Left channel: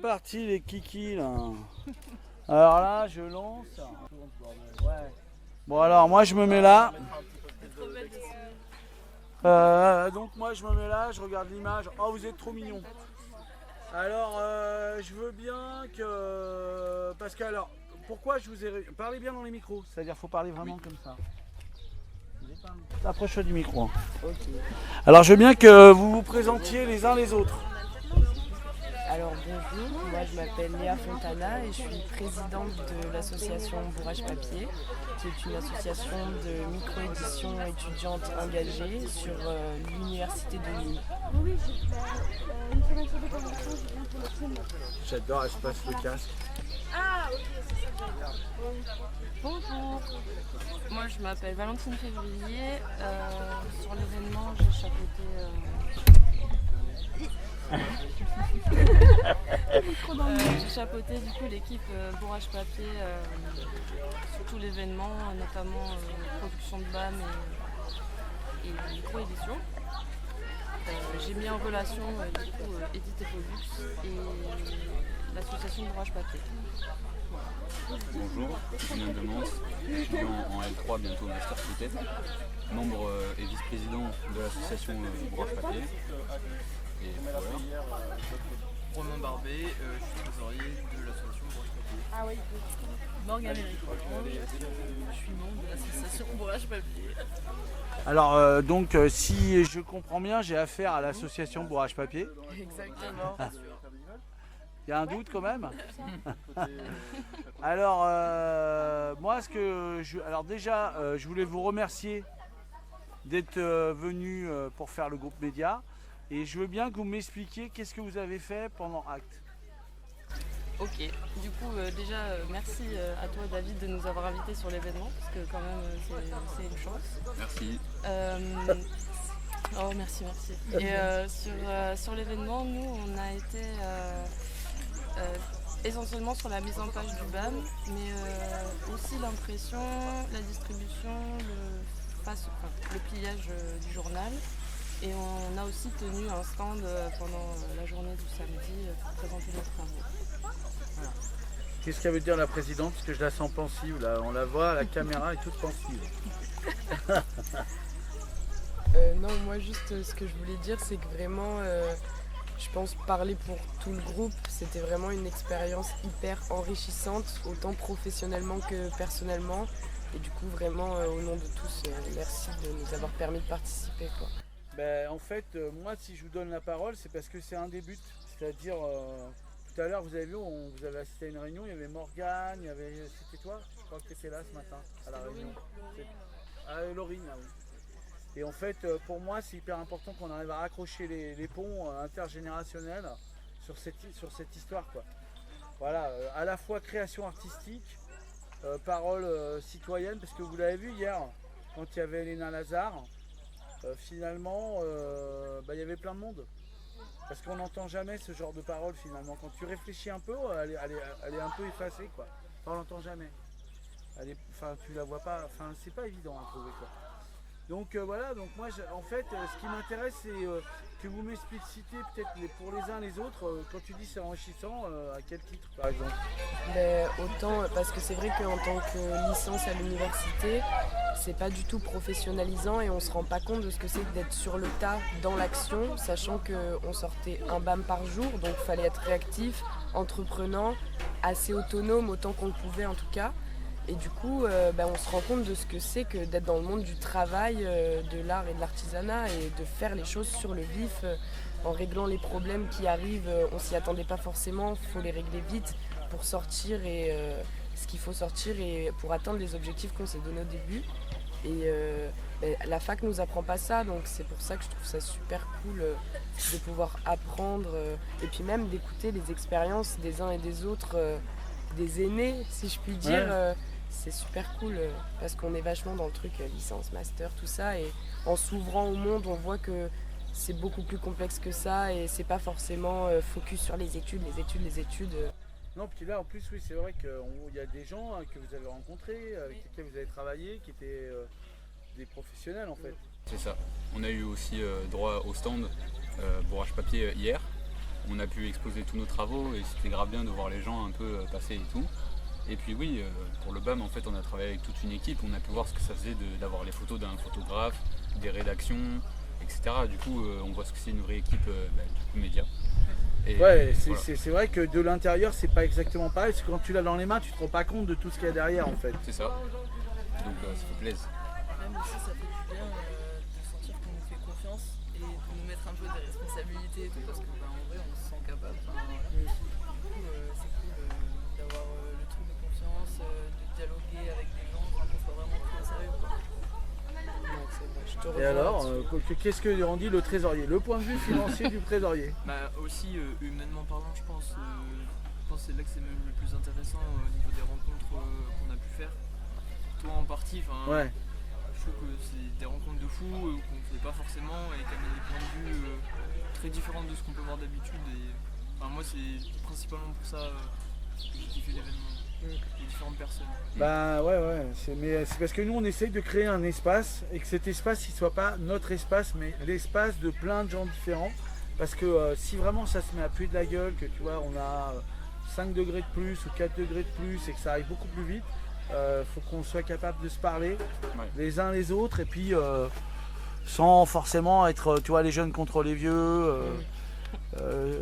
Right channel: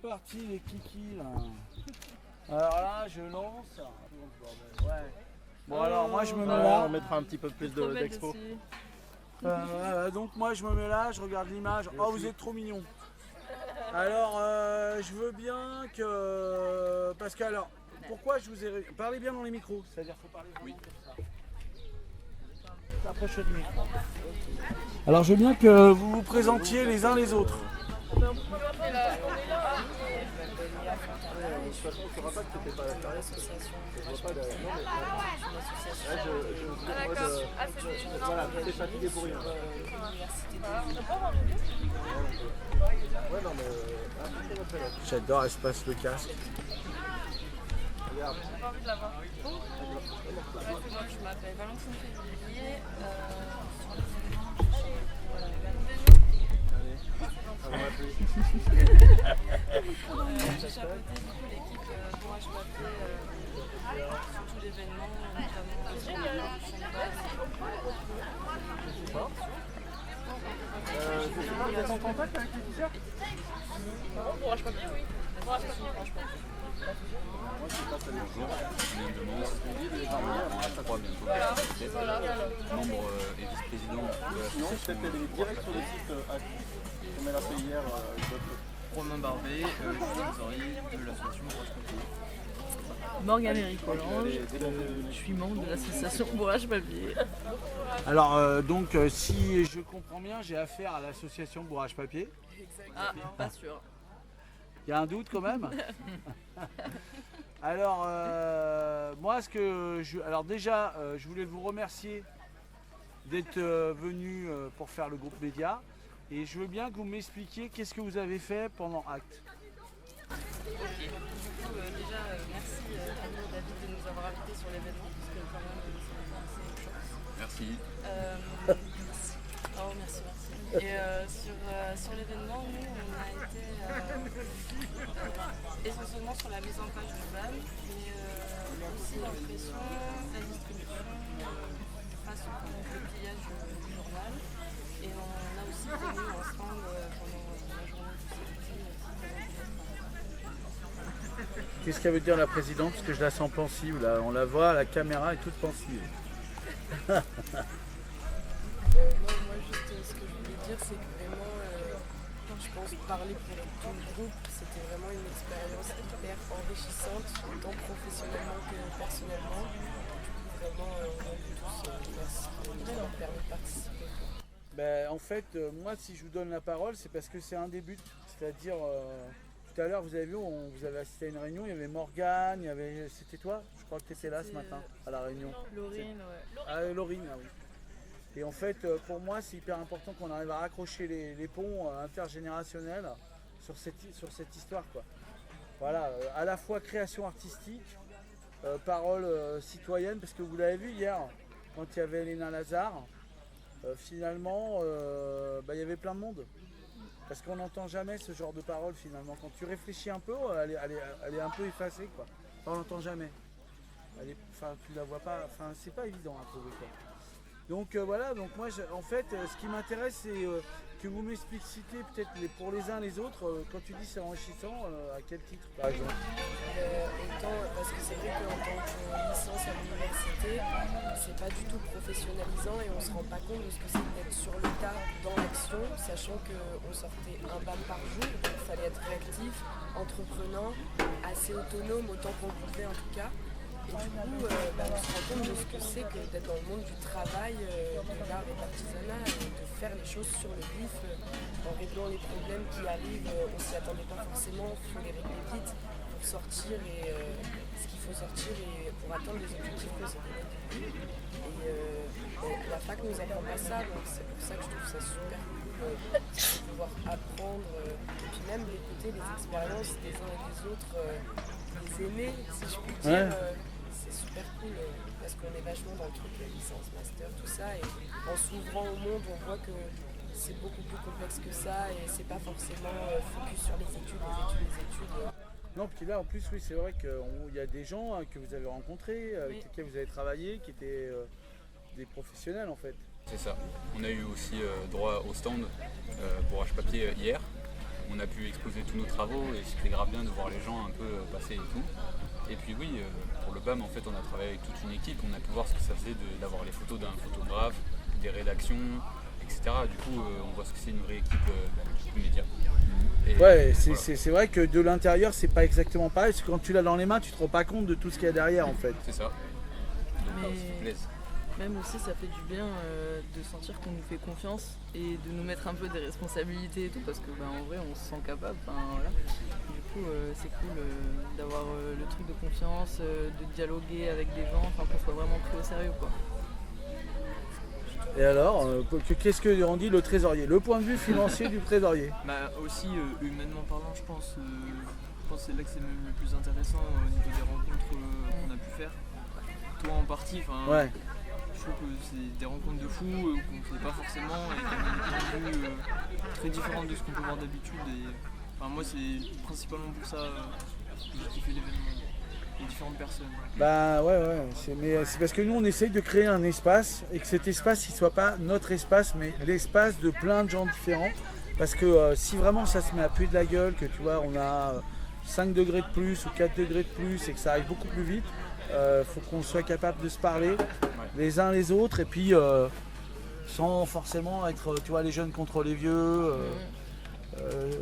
parti les kikis là. Alors là, je lance. Ouais. Bon alors moi je me mets là. On mettra un petit peu plus d'expo. Donc moi je me mets là, je regarde l'image. Oh vous êtes trop mignons. Alors je veux bien que... Parce que alors, pourquoi je vous ai... Parlez bien dans les micros, c'est-à-dire faut parler vraiment comme ça. Approche-toi du micro. Hein. Okay. Alors je veux bien que vous vous présentiez les uns les autres. Alors bonjour, moi je m'appelle Léa Fontana et je suis présidente de l'association Bourrage Papier, qui est une association de micro-édition étudiante engagée sur l'université de Lille. J'adore, elle se passe le casque. Bonjour, moi je m'appelle Valentine Février, sur l'événement j'ai chapeauté j'ai chapeauté du coup l'équipe Bourrage Papier sur tout l'événement, notamment sur la production de BAM et de coédition. J'ai mis en relation du coup Edith et l'association Bourrage Papier. Bonjour, Julien Demans, étudiant en L3 bientôt de Master Pocket, membre et vice-président de l'association Bourrage Papier. Et voilà. Romain Barbet, je suis trésorier de l'association Bourrage Papier. Morgane Éric Rolland, je suis membre de l'association Bourrage Papier. Alors donc si je comprends bien, j'ai affaire à l'association Bourrage Papier. Exactement, pas sûr. Il y a un doute quand même. Alors moi alors déjà je voulais vous remercier d'être venu pour faire le groupe média et je veux bien que vous m'expliquiez qu'est-ce que vous avez fait pendant Acte. Ok, du coup déjà merci à toi David de nous avoir invités sur l'événement parce que quand même c'est une chance. Merci. Oh merci. Et sur l'événement, nous on a été essentiellement sur la mise en page du BAM, mais aussi l'impression, la distribution, le pliage du journal. Et on a aussi tenu un stand pendant la journée du samedi pour présenter notre travail. Voilà. Qu'est-ce qu'elle veut dire la présidente? Parce que je la sens pensive, là. On la voit, la caméra est toute pensive. Non, moi juste ce que je voulais dire, c'est que vraiment, je pense parler pour tout le groupe, c'était vraiment une expérience hyper enrichissante, autant professionnellement que personnellement. Et du coup, vraiment, au nom de tous, merci de nous avoir permis de participer, quoi. Ben, en fait, moi, si je vous donne la parole, c'est parce que c'est un des buts. C'est-à-dire, tout à l'heure, vous avez vu, vous avez assisté à une réunion, il y avait Morgane, il y avait... C'était toi? Je crois que tu étais là ce matin, à la réunion. Laurine, ouais. Ah, Laurine, ah oui. Et en fait, pour moi, c'est hyper important qu'on arrive à raccrocher les ponts intergénérationnels sur cette histoire, quoi. Voilà, à la fois création artistique, parole citoyenne, parce que vous l'avez vu hier, quand il y avait Elena Lazare, finalement, il y avait plein de monde. Parce qu'on n'entend jamais ce genre de parole, finalement. Quand tu réfléchis un peu, elle est un peu effacée, quoi. Enfin, on l'entend jamais. Tu la vois pas, enfin, c'est pas évident à trouver, quoi. Donc voilà, donc moi en fait ce qui m'intéresse c'est que vous m'explicitez peut-être pour les uns les autres, quand tu dis c'est enrichissant, à quel titre par exemple? Autant parce que c'est vrai qu'en tant que licence à l'université, c'est pas du tout professionnalisant et on se rend pas compte de ce que c'est d'être sur le tas dans l'action, sachant qu'on sortait un BAM par jour, donc il fallait être réactif, entreprenant, assez autonome autant qu'on le pouvait en tout cas. Et du coup, on se rend compte de ce que c'est que d'être dans le monde du travail, de l'art et de l'artisanat et de faire les choses sur le vif, en réglant les problèmes qui arrivent. On s'y attendait pas forcément, il faut les régler vite pour sortir et ce qu'il faut sortir et pour atteindre les objectifs qu'on s'est donnés au début. Et la fac nous apprend pas ça, donc c'est pour ça que je trouve ça super cool de pouvoir apprendre et puis même d'écouter les expériences des uns et des autres, des aînés, si je puis dire. Ouais. C'est super cool parce qu'on est vachement dans le truc licence, master, tout ça, et en s'ouvrant au monde on voit que c'est beaucoup plus complexe que ça et c'est pas forcément focus sur les études. Non, puis là en plus oui c'est vrai qu'il y a des gens que vous avez rencontrés, avec lesquels vous avez travaillé, qui étaient des professionnels en fait. C'est ça. On a eu aussi droit au stand Bourrage Papier hier. on a pu exposer tous nos travaux et c'était grave bien de voir les gens un peu passer et tout. Et puis oui, pour le BAM, en fait, on a travaillé avec toute une équipe, on a pu voir ce que ça faisait d'avoir les photos d'un photographe, des rédactions, etc. Du coup, on voit ce que c'est une vraie équipe du coup, média. Et Ouais, voilà. c'est vrai que de l'intérieur, c'est pas exactement pareil, parce que quand tu l'as dans les mains, tu te rends pas compte de tout ce qu'il y a derrière en fait. C'est ça. Donc Mais- ça fait plaisir. Même aussi, ça fait du bien de sentir qu'on nous fait confiance et de nous mettre un peu des responsabilités et tout, parce que en vrai, on se sent capable. Voilà. Du coup, c'est cool d'avoir le truc de confiance, de dialoguer avec des gens, qu'on soit vraiment pris au sérieux, quoi. Et alors, qu'est-ce que on dit le trésorier? Le point de vue financier du trésorier. Bah aussi humainement parlant, je pense que c'est là que c'est même le plus intéressant au niveau des rencontres qu'on a pu faire. Toi en partie, Ouais. je trouve que c'est des rencontres de fous qu'on ne fait pas forcément et qu'on a des points de vue très différents de ce qu'on peut voir d'habitude. Et moi c'est principalement pour ça que j'ai kiffé l'événement, les différentes personnes. Bah ouais, mais c'est parce que nous on essaye de créer un espace et que cet espace il soit pas notre espace mais l'espace de plein de gens différents. Parce que si vraiment ça se met à puer de la gueule, que tu vois on a 5 degrés de plus ou 4 degrés de plus et que ça arrive beaucoup plus vite, faut qu'on soit capable de se parler les uns les autres et puis sans forcément être tu vois les jeunes contre les vieux,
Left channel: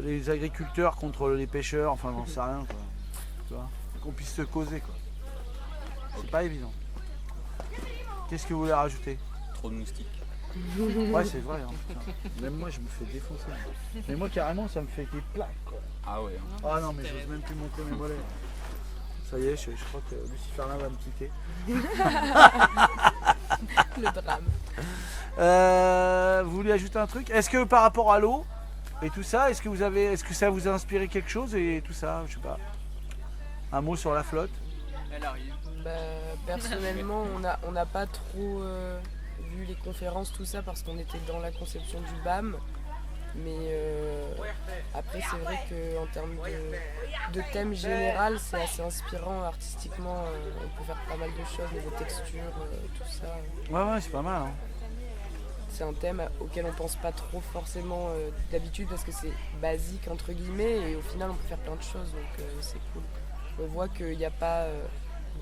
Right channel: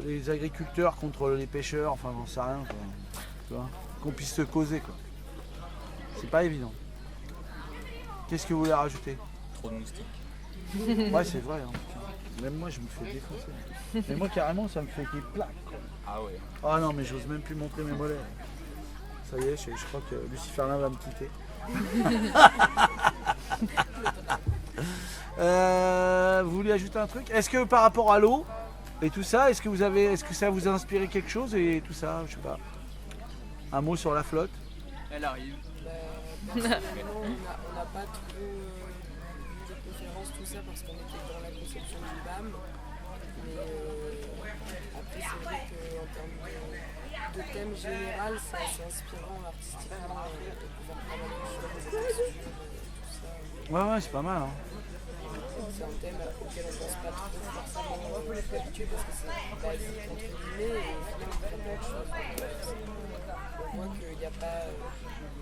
les agriculteurs contre les pêcheurs, enfin j'en sais rien quoi. Tu vois, qu'on puisse se causer quoi. C'est pas évident. Qu'est-ce que vous voulez rajouter? Trop de moustiques. Ouais c'est vrai, hein, putain. Même moi je me fais défoncer. Mais moi carrément ça me fait des plaques quoi. Ah ouais. Ah non mais j'ose même plus montrer mes mollets. Ça y est, je crois que Luciferlin va me quitter. Le drame. Vous voulez ajouter un truc? Est-ce que par rapport à l'eau et tout ça, est-ce que ça vous a inspiré quelque chose et tout ça, je sais pas. Un mot sur la flotte? Elle arrive. Bah, personnellement, on n'a pas trop vu les conférences, tout ça, parce qu'on était dans la conception du BAM. Mais après, c'est vrai qu'en termes de thème général, c'est assez inspirant artistiquement. On peut faire pas mal de choses, les textures, tout ça. Ouais, c'est pas mal. Hein. C'est un thème auquel on pense pas trop forcément d'habitude parce que c'est basique entre guillemets et au final on peut faire plein de choses. Donc c'est cool. On voit qu'il n'y a pas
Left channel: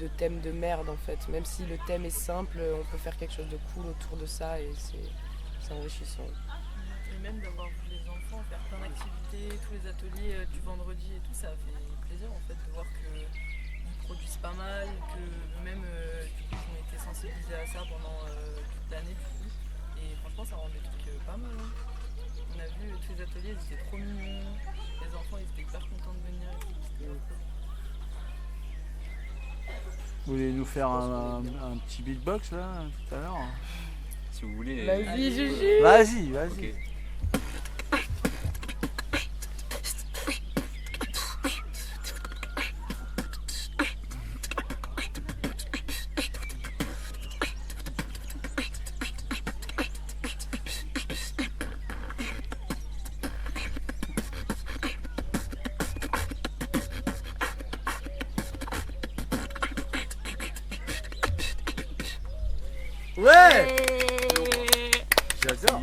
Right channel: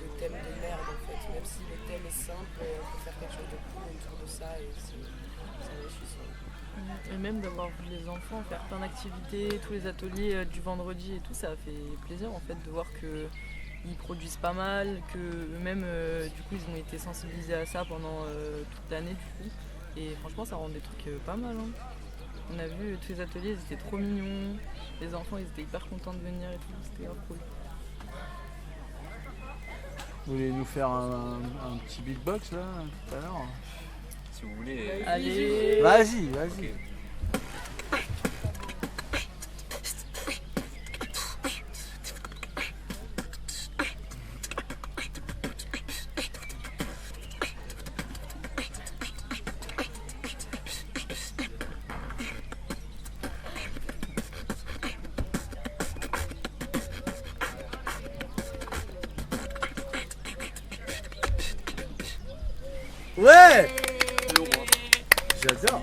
de thème de merde en fait. Même si le thème est simple, on peut faire quelque chose de cool autour de ça et c'est enrichissant. Et même d'avoir vu les enfants faire plein d'activités, tous les ateliers du vendredi et tout, ça a fait plaisir en fait de voir qu'ils produisent pas mal, que eux-mêmes du coup ils ont été sensibilisés à ça pendant toute l'année du coup. Et franchement ça rend des trucs pas mal. Hein. On a vu tous les ateliers, ils étaient trop mignons, les enfants ils étaient hyper contents de venir et tout, c'était grave cool. Vous voulez nous faire un petit beatbox là tout à l'heure? Si vous voulez. Allez Juju. Vas-y. Ok. Ouais. J'adore.